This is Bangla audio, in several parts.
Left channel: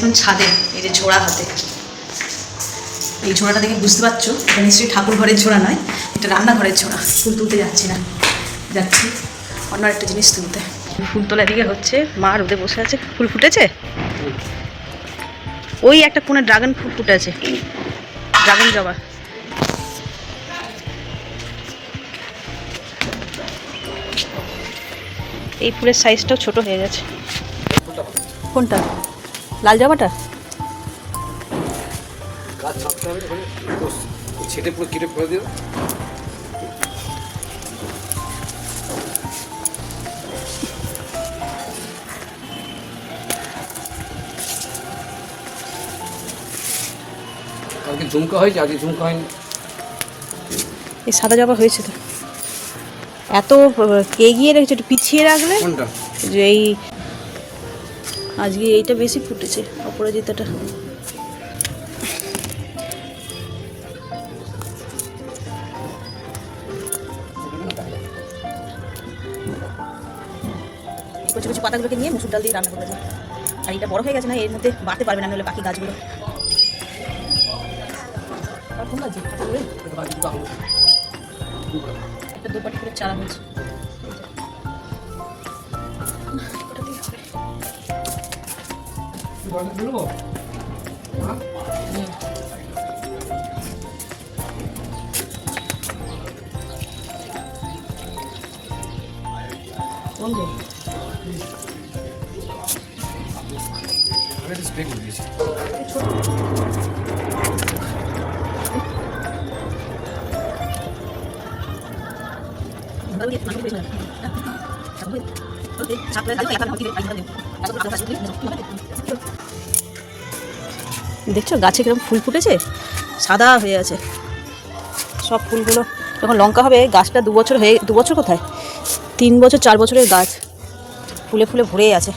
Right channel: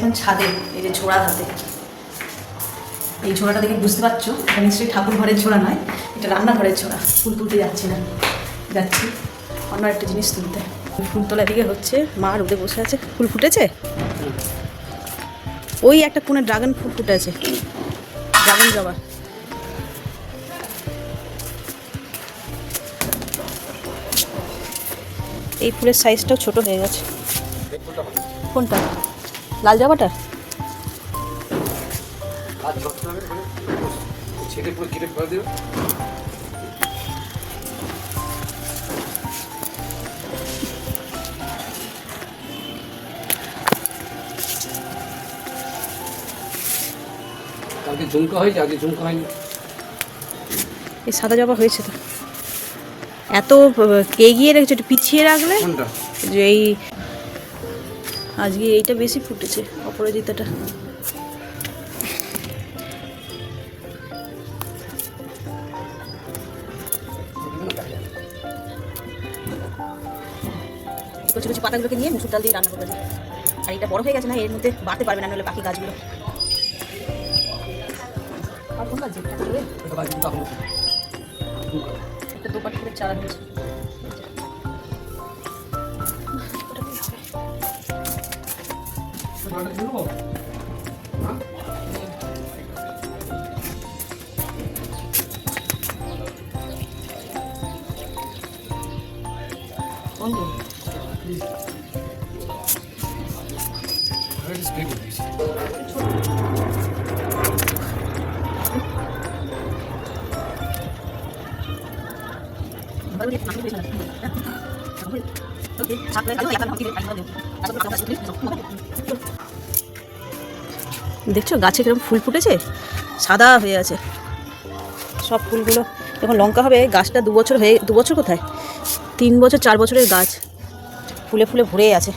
এখন ছাদে, এই যে ঝোড়া হাতে। এই ঝোড়াটা দেখে বুঝতে পারছ? এটা নিশ্চয়ই ঠাকুর ঘরের ঝোড়া নয়, এটা রান্নাঘরের ঝোড়া। ফুল তুলতে যাচ্ছি না। যাচ্ছি। অন্য একটা জিনিস তুলতে। ফুল তোলা দিকে হচ্ছে মা রোদে বসে আছে। ফুল ফুটেছে? ওই একটা কোণে ড্রাগন ফুল ফুটেছে ড্রাগন জবা। এই ফুলের সাইজটাও ছোট হয়ে গেছে। কোনটা? লাল জামাটা? ছেটে পুরো কেটে করে দেবে। কালকে ঝুমকা হয়েছে আজকে ঝুমকা হয়নি। এই সাদা জবা হয়েছে তো। এত এগিয়ে রেখেছে একটু পিছিয়ে রাখলে যে এই আজকে এইটা বেশি ফুটেছে অপরাজিতাটা কিছু কিছু পাতাগুলোকে নিয়ে মুসুর ডাল দিয়ে রান্না করে দেবে আর এটা বড় হয়ে গেছে না, এর মধ্যে বাড়তে পারবে না, নাহলে বাকি গাছগুলো। চারা হয়েছে। দেখছ? গাছে কীরকম ফুল ফুটেছে? সাদা হয়ে আছে। সব ফুলগুলো। যখন লঙ্কা হবে, গাছটা দু বছর হয়ে দু বছর কোথায়? তিন বছর, চার বছরের গাছ। ফুলে ফুলে ভরে আছে।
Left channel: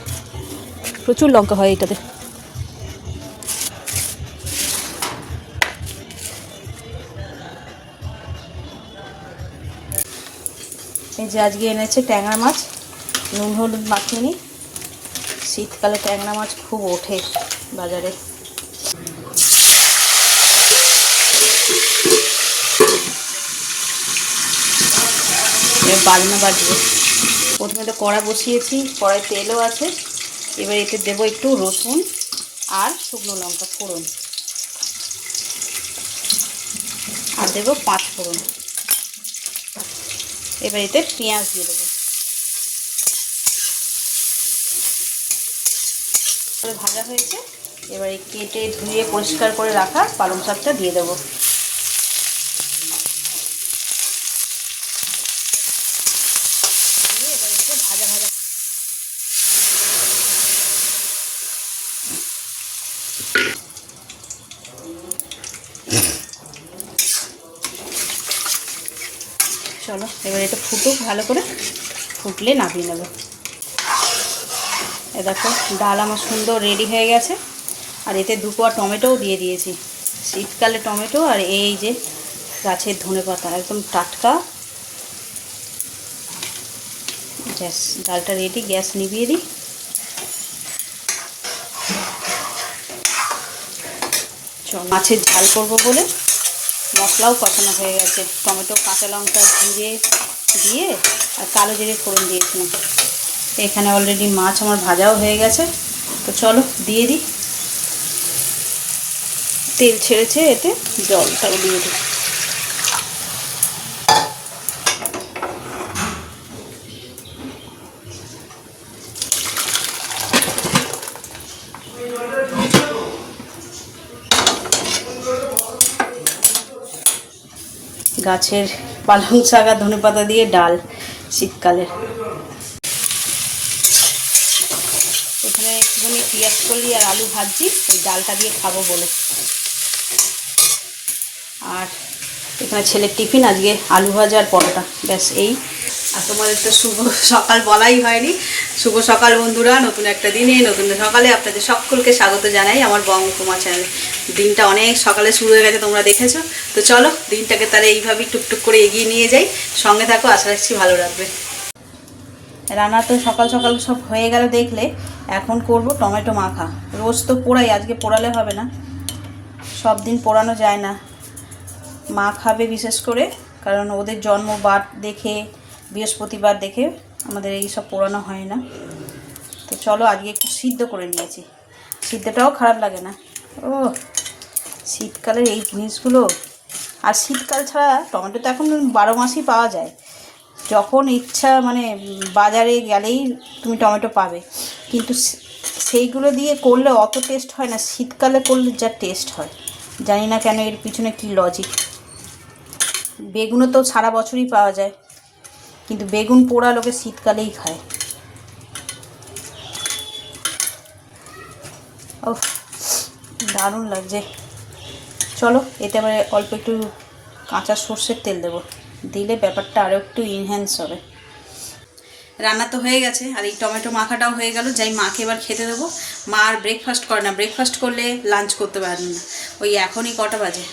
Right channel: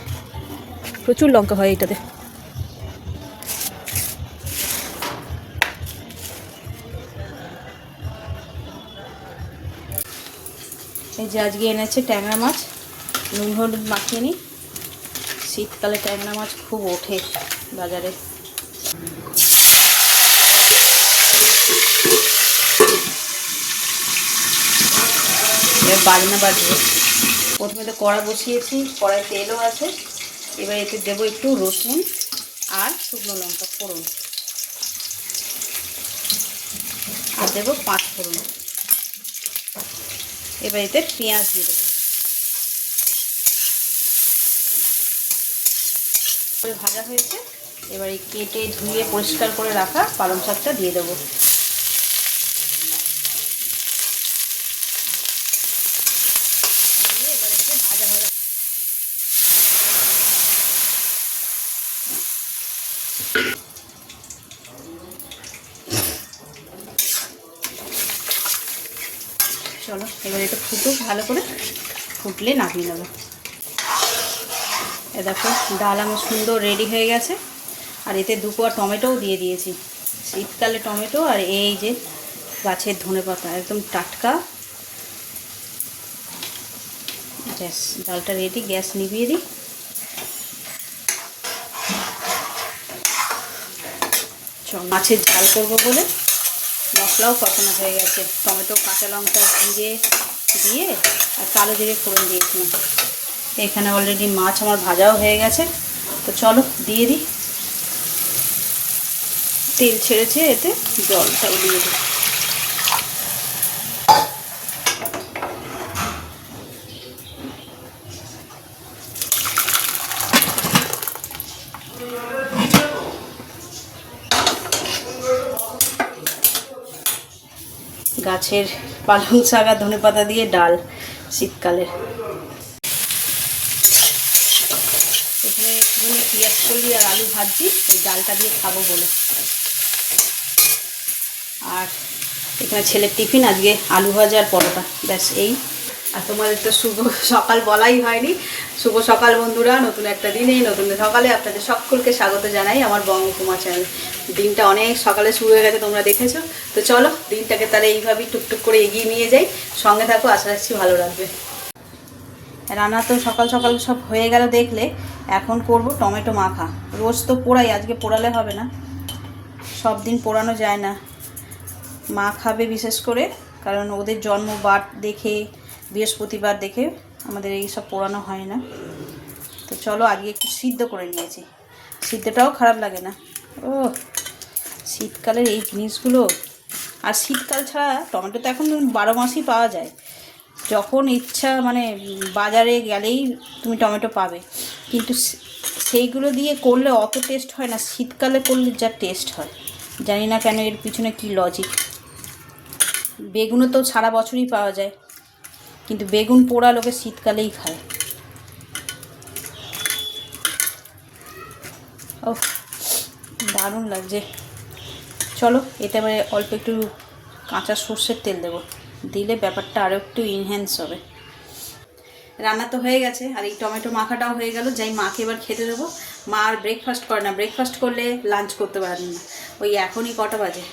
প্রচুর লঙ্কা হয় এটাতে এই যে আজকে এনেছে ট্যাংরা মাছ। নুন, হলুদ মাখিয়ে নি। শীতকালে ট্যাংরা মাছ খুব ওঠে বাজারে। বাড়িনা বাজবে। প্রথমে তো কড়া বসিয়েছি, কড়াই তেলও আছে। এবার এতে দেবো একটু রসুন আর শুকনো লঙ্কা ফোড়ন। আর দেবো পাঁচ ফোড়ন। এবার এতে পেঁয়াজ দিয়ে দেবো। ভাজা হয়েছে। এবারে কেটে ধুয়ে পরিষ্কার করে রাখা পালং শাকটা দিয়ে দেবো দিয়ে এগুলোকে ভাজা ভাজা চলো, এবার এটা ফুটুক, ভালো করে ফুটলে নামিয়ে নেব। দেখো, ডাল আমার সুন্দর রেডি হয়ে গেছে। আর এতে দু কোয়া টমেটোও দিয়ে দিয়েছি। শীতকালে টমেটো আর এই যে গাছের ধনে পাতা, একদম টাটকা। গ্যাস ডালটা রেডি গ্যাস নিভিয়ে দিই। মাছের ঝাল করব বলে মশলাও কষানো হয়ে গেছে। টমেটো, কাঁচা লঙ্কা ভিজে দিয়ে আর কালো জিরে ফোড়ন দিয়েছিলাম এখানে অলরেডি মাছ আমার ভাজাও হয়ে গেছে। তো চলো দিয়ে দিই। তেল ছেড়েছে এতে জলটাও দিয়ে দিই। গাছের পালং শাক আর ধনে পাতা দিয়ে ডাল শীতকালে। এখানে একটুখানি পেঁয়াজ কলি আর আলু ভাজছি ওই ডালটা দিয়ে খাব বলে। আর এখানে ছেলের টিফিন, আজকে আলু ভাজা আর পরোটা, ব্যাস এই। আর তোমার একটা শুভ সকাল বলাই হয়নি। শুভ সকাল বন্ধুরা, নতুন একটা দিনে, নতুন সকালে আপনাদের সকলকে স্বাগত জানাই আমার বঙ্গকুমা চ্যানেল দিনটা অনেক সকালে শুরু হয়ে গেছে, তোমরা দেখেছ। তো চলো, দিনটাকে তাহলে এইভাবেই টুকটুক করে এগিয়ে নিয়ে যাই। সঙ্গে থাকো, আশা রাখছি ভালো লাগবে। রান্না তো সকাল সকাল সব হয়ে গেল দেখলে, এখন করব টমেটো মাখা। রোজ তো পোড়াই, আজকে পোড়ালে হবে না। সব দিন পোড়ানো যায় না। মা খাবে বিশেষ করে, কারণ ওদের জন্মবার দেখে বৃহস্পতিবার দেখে আমাদের এই সব পোড়ানো হয় না। তো চলো আজকে একটু সিদ্ধ করে নিয়েছি। সিদ্ধটাও খারাপ লাগে না। ও শীতকালের এই জিনিসগুলো। আর শীতকাল ছাড়া টমেটো তো এখন বারো মাসই পাওয়া যায়। যখন ইচ্ছা মানে বাজারে গেলেই তুমি টমেটো পাবে। কিন্তু সেইগুলো দিয়ে করলে অত টেস্ট হয় না। শীতকালে করলে যা টেস্ট হয়। জানি না কেন এর পিছনে কী লজিক বেগুনও তো সারা বছরই পাওয়া যায়। কিন্তু বেগুন পোড়া লোকে শীতকালেই খায়। ও দারুণ লাগছে। চলো, এতে এবারে অল্প একটু কাঁচা সর্ষের তেল দেবো। দিলে ব্যাপারটা আরও একটু ইনহ্যান্স হবে। রান্না তো হয়ে গেছে, আর এই টমেটো মাখাটাও হয়ে গেল। যাই মাকে এবার খেতে দেবো। মা আর ব্রেকফাস্ট করে না। ব্রেকফাস্ট করলে লাঞ্চ করতে পারেন না। ওই এখনই কটা বাজে।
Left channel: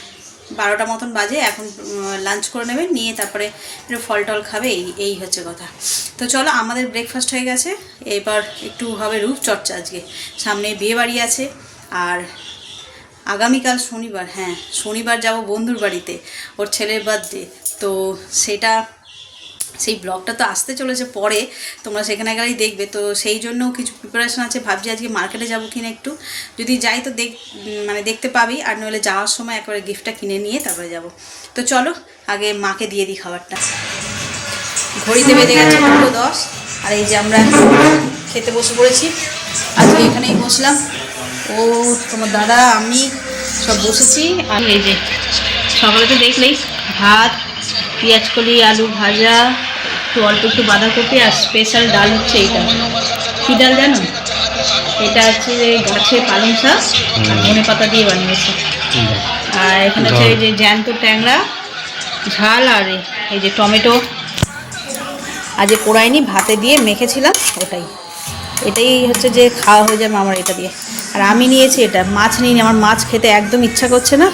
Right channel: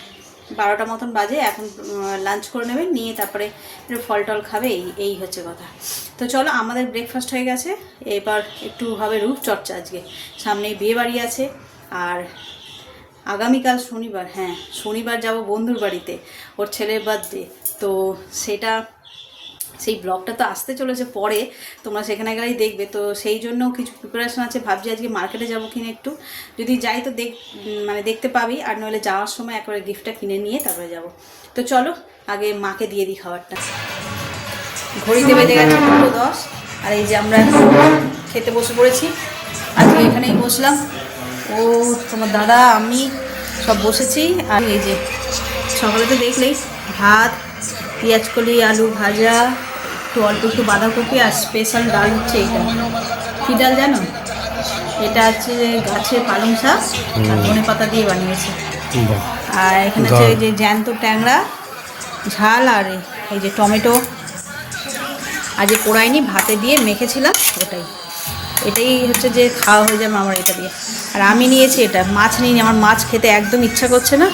বারোটা মতন বাজে, এখন লাঞ্চ করে নেবে, নিয়ে তারপরে ফল টল খাবে, এই এই হচ্ছে কথা। তো চলো, আমাদের ব্রেকফাস্ট হয়ে গেছে। এবার একটু হবে রূপচর্চা আজকে। সামনে বিয়ে বাড়ি আছে, আর আগামীকাল শনিবার হ্যাঁ শনিবার যাব বন্ধুর বাড়িতে, ওর ছেলের বার্থডে তো সেটা সেই ব্লগটা তো আসতে চলেছে পরে, তোমরা সেখানে গেলেই দেখবে। তো সেই জন্য কিছু প্রিপারেশন আছে, ভাবছি আজকে মার্কেটে যাব কিনা একটু। যদি যাই তো দেখ মানে দেখতে পাবি, আর নইলে যাওয়ার সময় একবারে গিফটটা কিনে নিয়ে তারপরে যাব। তো চলো, আগে মাকে দিয়ে দিই খাবারটা। ঘড়িতে বেজে গেছে পুরো দশ, আর এই যে আমরা খেতে বসে পড়েছি। আজকে এখানেই বসলাম। ও, তোমার দাদা, আমি সব বসেছি। আর এই যে, সকালে তো দেখলেই ভাত, পেঁয়াজ কলি, আলু ভাজা একটু অল্প একটু বাঁধাকপি আর স্পেশাল ডাল হচ্ছে এইটা। কী ডাল জানো? এটা হচ্ছে গাছে পালং শাক আর ধনে পাতা দিয়ে বানিয়েছি। আর এখানে হচ্ছে এই যে জ্যান্ত ট্যাংরা ঝাল আর এই- এই যে টমেটো। আর যে কোড়াইনি ভাতে দিয়ে মেখেছিলাম ওটাই। এটাই হচ্ছে যে খাওয়া হয়ে যাবে আমার এটা দিয়ে। আর আমি নিয়েছি এটা মাছ নিয়ে আমার মাছ খেতে একদম ইচ্ছা করছে না।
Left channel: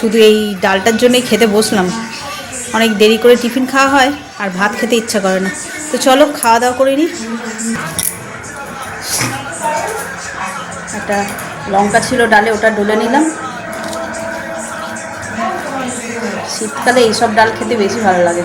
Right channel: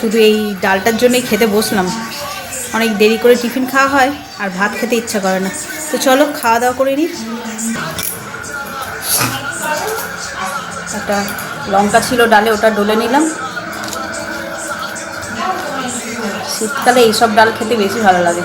শুধু এই ডালটার জন্যই খেতে বসলাম। অনেক দেরি করে টিফিন খাওয়া হয়। আর ভাত খেতে ইচ্ছা করে না। তো চলো, খাওয়া দাওয়া করিনি একটা লঙ্কা ছিল ডালে, ওটা ডলে নিলাম। শীতকালে এইসব ডাল খেতে বেশি ভালো লাগে।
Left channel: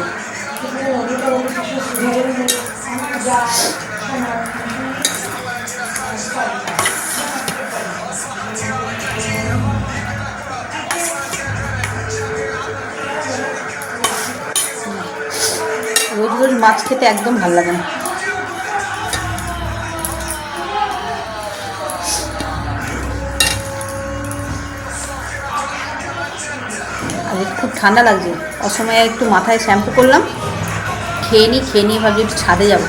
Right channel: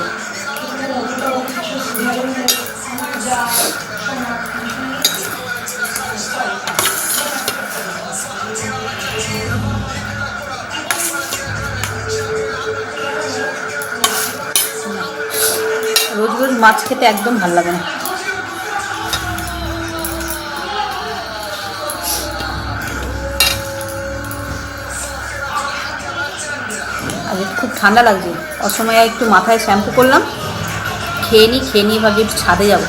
মাছ খেতে একদম ভালো লাগে না। খুব ঠান্ডা লাগছে। অসময়ে একটু মাথায় শ্যাম্পু করলাম, খেয়ে নিই খেয়ে নিয়ে ভাবছি একটু ছাদে যাব।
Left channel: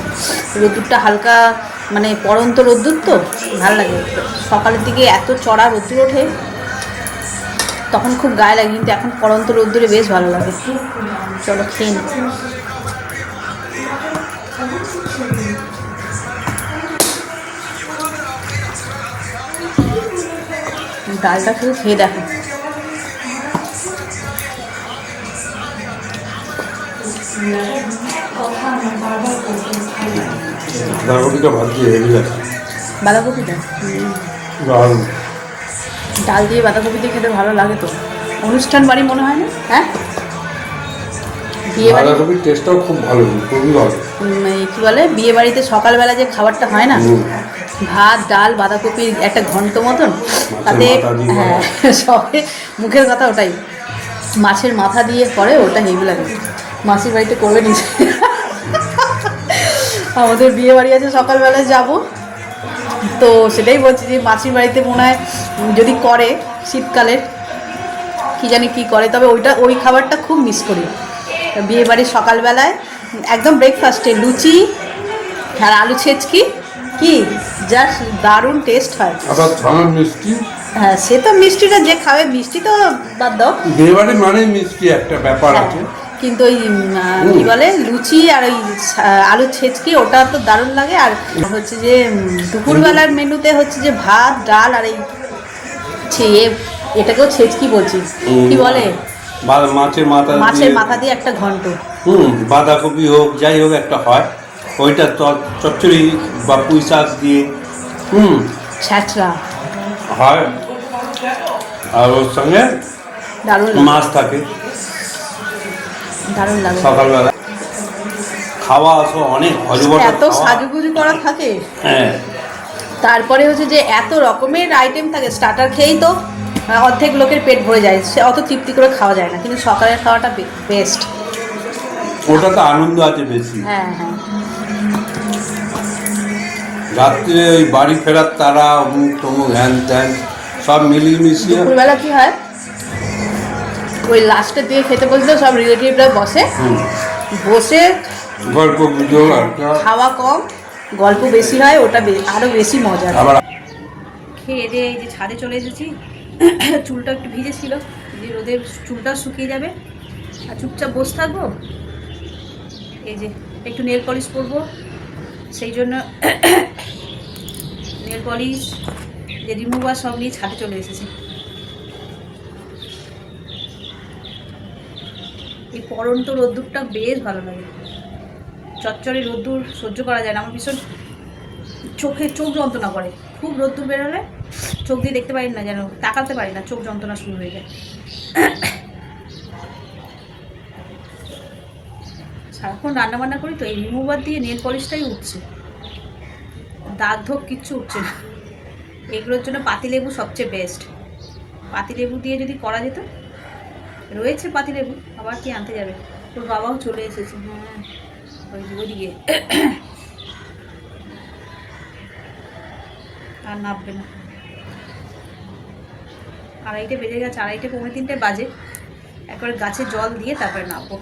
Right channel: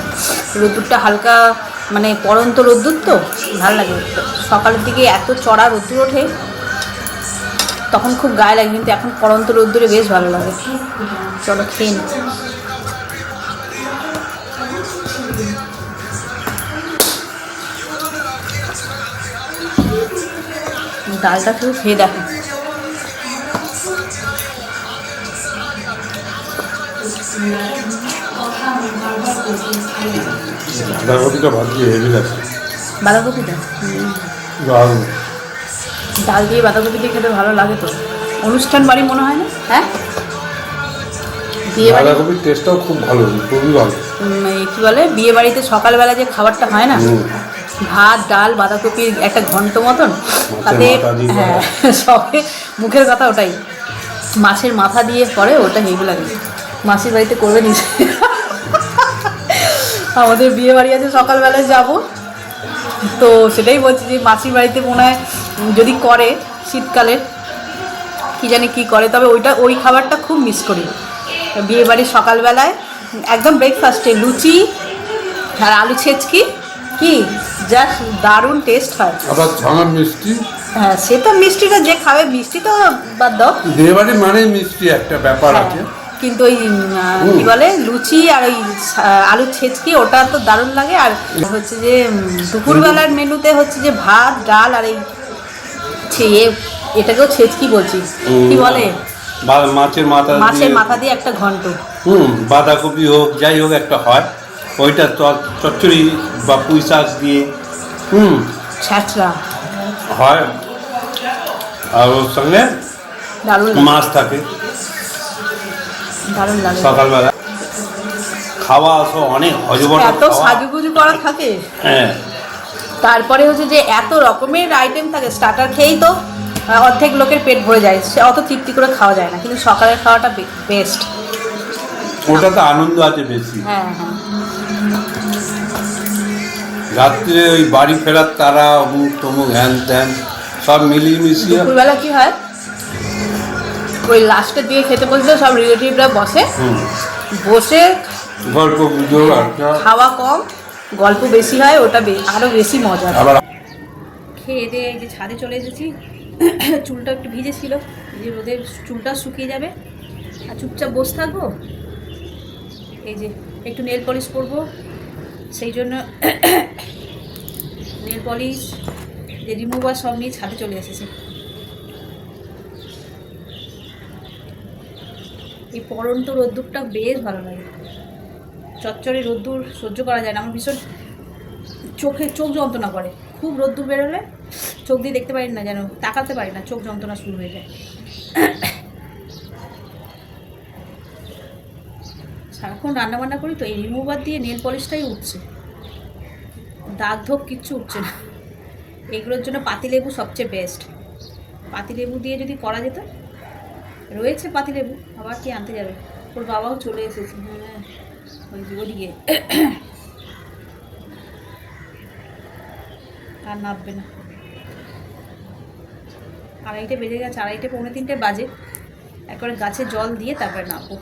রোদ্দুরটা হালকা মানে পরন্ত রোদ্দুর তো, ভালো লাগে সকালের দিকে এত চড়া রোদ্দুর ওঠে, তখন খুব গায়ে লাগে, কিন্তু এখন পরন্ত রোদ্দুরে বেশ ভালো লাগে। চলো খেয়ে নিই ডালটা শুধু খেয়ে দেখো। বাঁধাকপিটা ডাল দিয়ে বাঁধাকপি দিয়ে খেতে ভালো লাগে তো। অনুষ্ঠান বাড়ি মনে হয় না? হ্যাঁ? বাড়ি? বাঁধাকপির টেস্টটাও খুব ভালো খুবই ভালো। কি বলে বিয়ে বাড়িতে সকালবেলা যে খাবারটা হয় না ভাত ডাল বাঁধাকপির একটা ঘন্ট মতন তাতে হ্যাঁ সবে মুখের কথা ওটাই। মাছের মাথা দিয়ে পরে ওটা হেভি লাগে মাসির বাড়িতে করবে নিজে আমাদের বিয়ে বাড়ি আছে সকালবেলায় যাব। তো সেটাই বলছি যে মাসির বাড়িতে মনে হয় যদি করে শীতকালে কি জানি কি করে তবে ওইটা ওই খাবারটা খুব মিস করি। বিয়ে বাড়ির সকালবেলায় একদম ব্রেকফাস্টে লুচি আর আলু ছেচকি। কি? জাস্ট দারুণ টেস্ট হয়। আবার ছানার মিষ্টি? হ্যাঁ সে তো মিষ্টিটা যে খাবে মিষ্টি তো বাদ দাও। বিয়েবাড়ি মানেই মিষ্টি একটা ব্যাপার আছে। কিন্তু ওই কি বলে লুচি আর ওই আলু ছেচকি ওটা তো দারুণ লাগে। আর হচ্ছে যে দুপুরবেলার মেনুতে হচ্ছে যে ভাত ডাল আর এই ছে- এটাকেও ছেচকি বলছি। কি বলে? মাছের মাথা মাছের মাথা দিয়ে একটা ঘন্ট। হুম বাঁধাকপি হোক যাই হোক একটা হয়। ওইটা চচ্চড়ি বা পুঁই শাক দিয়ে হুম। ছ্যাঁচড়া। হয়। আর ওর সঙ্গে মাছ থাকে। সকালবেলা। খাওয়া তো অনেক হজবট এত সাজুগুজু করা থাকে। হ্যাঁ। তারপরে হচ্ছে যে এত রকমের আইটেম থাকে স্টার্টার খেয়েই তো অর্ধেক লোকের পেট ভরে যায় সে অত তৃপ্তি করে খাওয়া যায় না কিন্তু সকালের খাওয়াটা বেস্ট ওটাতে আনন্দ আছে বেশি। হ্যাঁ হ্যাঁ। রাত্রে ওই বাড়ি ফেরার তারা অমুক তমুক হ্যান ত্যান সব মিলিয়ে মিশিয়ে দুপুরবেলা কি হয়? ওই লাস্টের দিকে খেতে বসলেও সব রিলেটিভরা বসে। বসে গল্প খাওয়া কম গল্প বেশি হয় ওটা বে- আরও বেশি মজা। খেয়ে দিয়ে এই যে ছাদে চলে এসেছি। চুলটা একটু ভিজেছিল যে রোদে চুলটা শুকিয়ে যাবে। আর চুপচাপ বসে থাকব? এই যে, একটু নেল পলিশ করব সেই জন্য নেল পলিশ, যে রিমুভার সব নিয়ে ছাদে চলে এসেছে। এই পরন্ত রোদ্দুরটা বেশ ভালো লাগে। চচ্চড়ি রোদ্দুর সহ্য করা যায় না। আমার ভীষণ চোখে চোখ যন্ত্রণা করে। খুব রোদ্দুর বেরোলে চোখ দিয়ে দেখতে পারি না যেন, তাকাতে পারি না, চোখ যন্ত্রণা শুরু হয়ে যায়। সারাক্ষণ রান্না বান্না করি তো, এই রিমুভার দিয়ে নেল পলিশটাই উঠছে। দাগ ধোপ কিচ্ছু উঠছে না। এগুলোর জন্য পাতিলেবু সবচেয়ে বেস্ট পাতিলেবু দিয়ে যদি করা যেত, রয়েছে পাতিলেবু, আবার কি আনতে যাবে? ওর বাবাও চলে এসেছে। হ্যাঁ আর নামবে না। আড়াইটে বেজে গেছে, আড়াইটে পৌনে তিনটে বাজে। একবার গাছে জল দিয়ে তারপরে নামবো।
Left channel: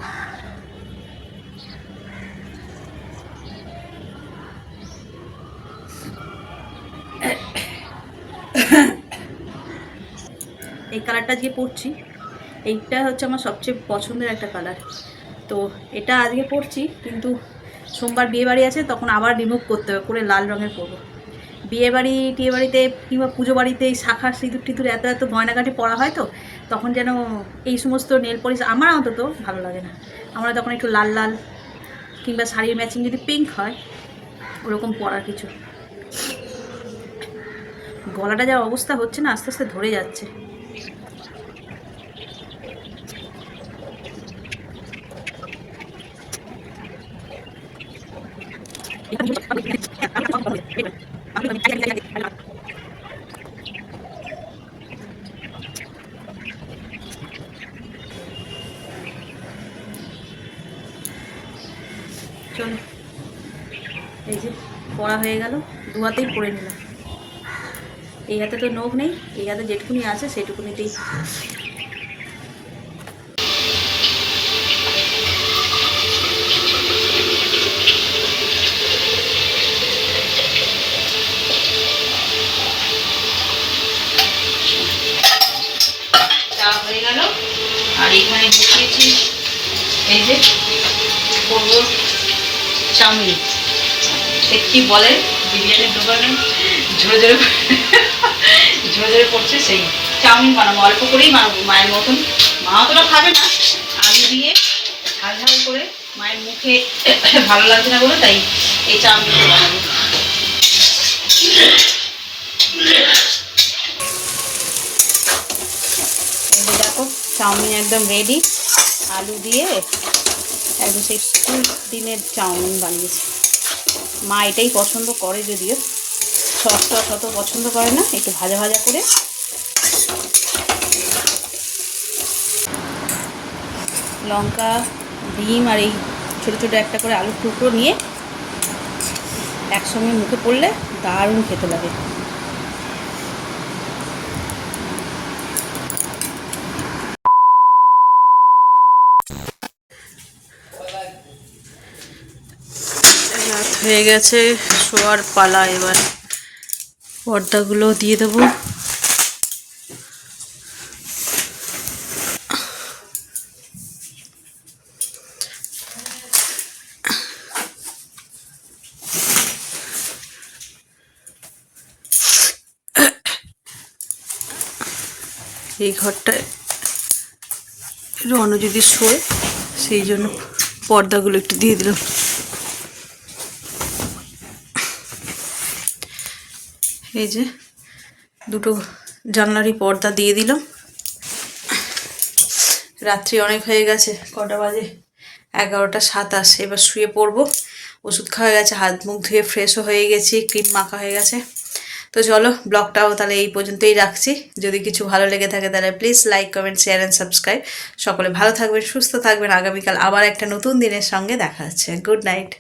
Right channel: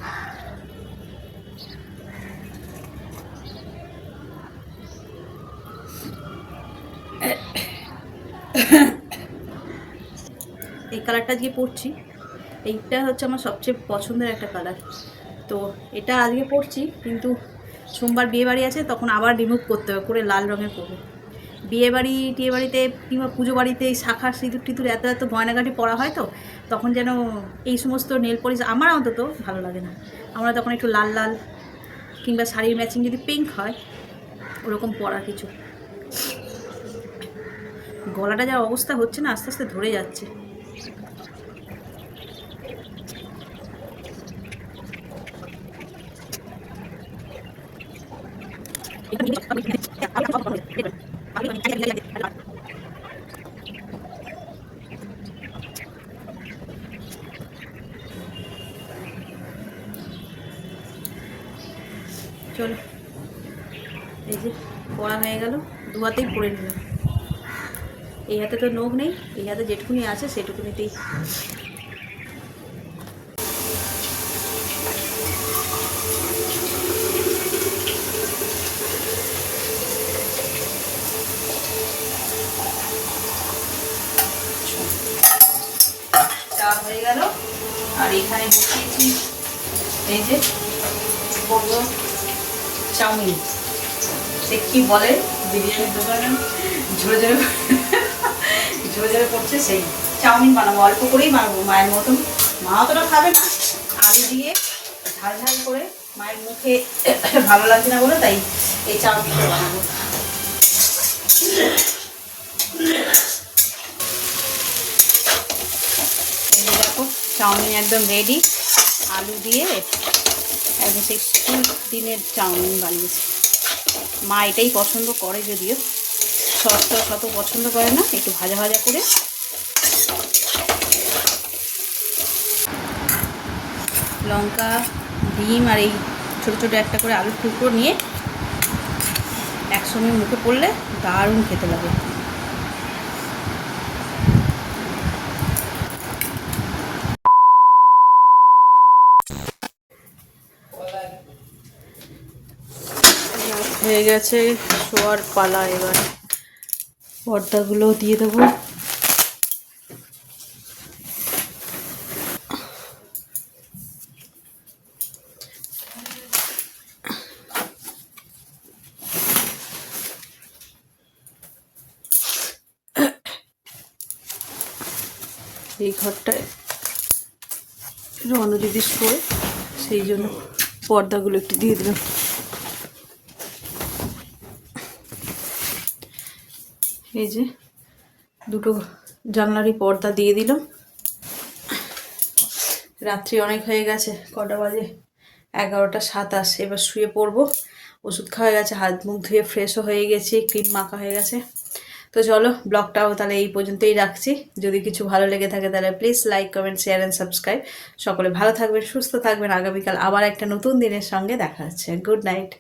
এই কালারটা আজকে পরছি, এইটা হচ্ছে আমার সবচেয়ে পছন্দের একটা কালার। তো এটা আজকে পরছি, কিন্তু সোমবার বিয়ে বাড়ি আছে, তখন আবার রিমুভ করতে হবে, করে লাল রঙের পরবো। বিয়ে বাড়ি টিয়ে বাড়িতে কিংবা পুজো বাড়িতে এই শাখা সিঁদুর টিঁদুর এত এত গয়নাগাটি পরা হয় তো, তখন যেন এই সমস্ত নেল পলিশ আমার অন্তত ভালো লাগে না। আমরা তখন একটু লাল লাল কিংবা শাড়ির ম্যাচিং যদি পিঙ্ক হয়, ওরকম পরার কিছু। গলাটা যা অবস্থা হচ্ছে না, আস্তে আস্তে ধরে যাচ্ছে চলো এই যে পড়া হয়ে গেল দু হাতেই পড়ে নিলাম এই হাতে তো নখ নেই যেটুকুনি আছে সেটুকুনিতেই হয়ে আর এখানে বসিয়েছি এই যে করব চাউমিন। সে কি বলে বিরিয়ানির দোকানে ঝরে ঝরে ঝরে ঝরে পড়ছে সেই চাউমিন বানাবো, অল্প করেই বানাবো, মায়ের মতন। মা অতটা খাবে না, আলু দিয়ে ঝাল ঝাল করে মায়ের মুখে ভালো লাগছে না বলে তাই এই চাউমিনটা বানাবো। দেখো, চাউমিন একদম রেডি আলু দিয়ে একদম সেই দিনের চাউমিন বানিয়েছে। মা এটাই পছন্দ করে যদিও। সস টস অত পছন্দ করে না, একটু ভাজা ভাজা করে। লঙ্কা, ডিম আর এই ছোটো ছোটো একটা করে আলুর টুকরো নিয়ে একসঙ্গে মুখে পড়লে দারুণ খেতে লাগে। হয়ে গেছে শোয়ার পালা এবার। পর্দাগুলো দিয়ে দেবো। এই ঘরটায় রণ যদি শোয় সেই জন্য পর্দাগুলো একটু দিয়ে দিলাম। এই যে দুটো জানলারই পর্দা দিয়ে দিলাম। রাত্রি অনেক হয়ে গেছে, কটা বাজে? এগারোটা সাতাশ, এবার শুয়ে পড়ব। ওষুধ খাওয়া গেছে, হাত মুখ ধুয়ে ফ্রেশও হয়ে গেছি ক্রিম মাখা হয়ে গেছে। তো চলো ব্লগটাও তাহলে এই পর্যন্তই রাখছি। যদি কিছু ভালো লেগে থাকে তাহলে please like comment share and subscribe সকলে ভালো থাকবেন, সুস্থ থাকবেন। আগামীকাল আবার একটা নতুন দিনের সঙ্গে দেখা হচ্ছে। Good night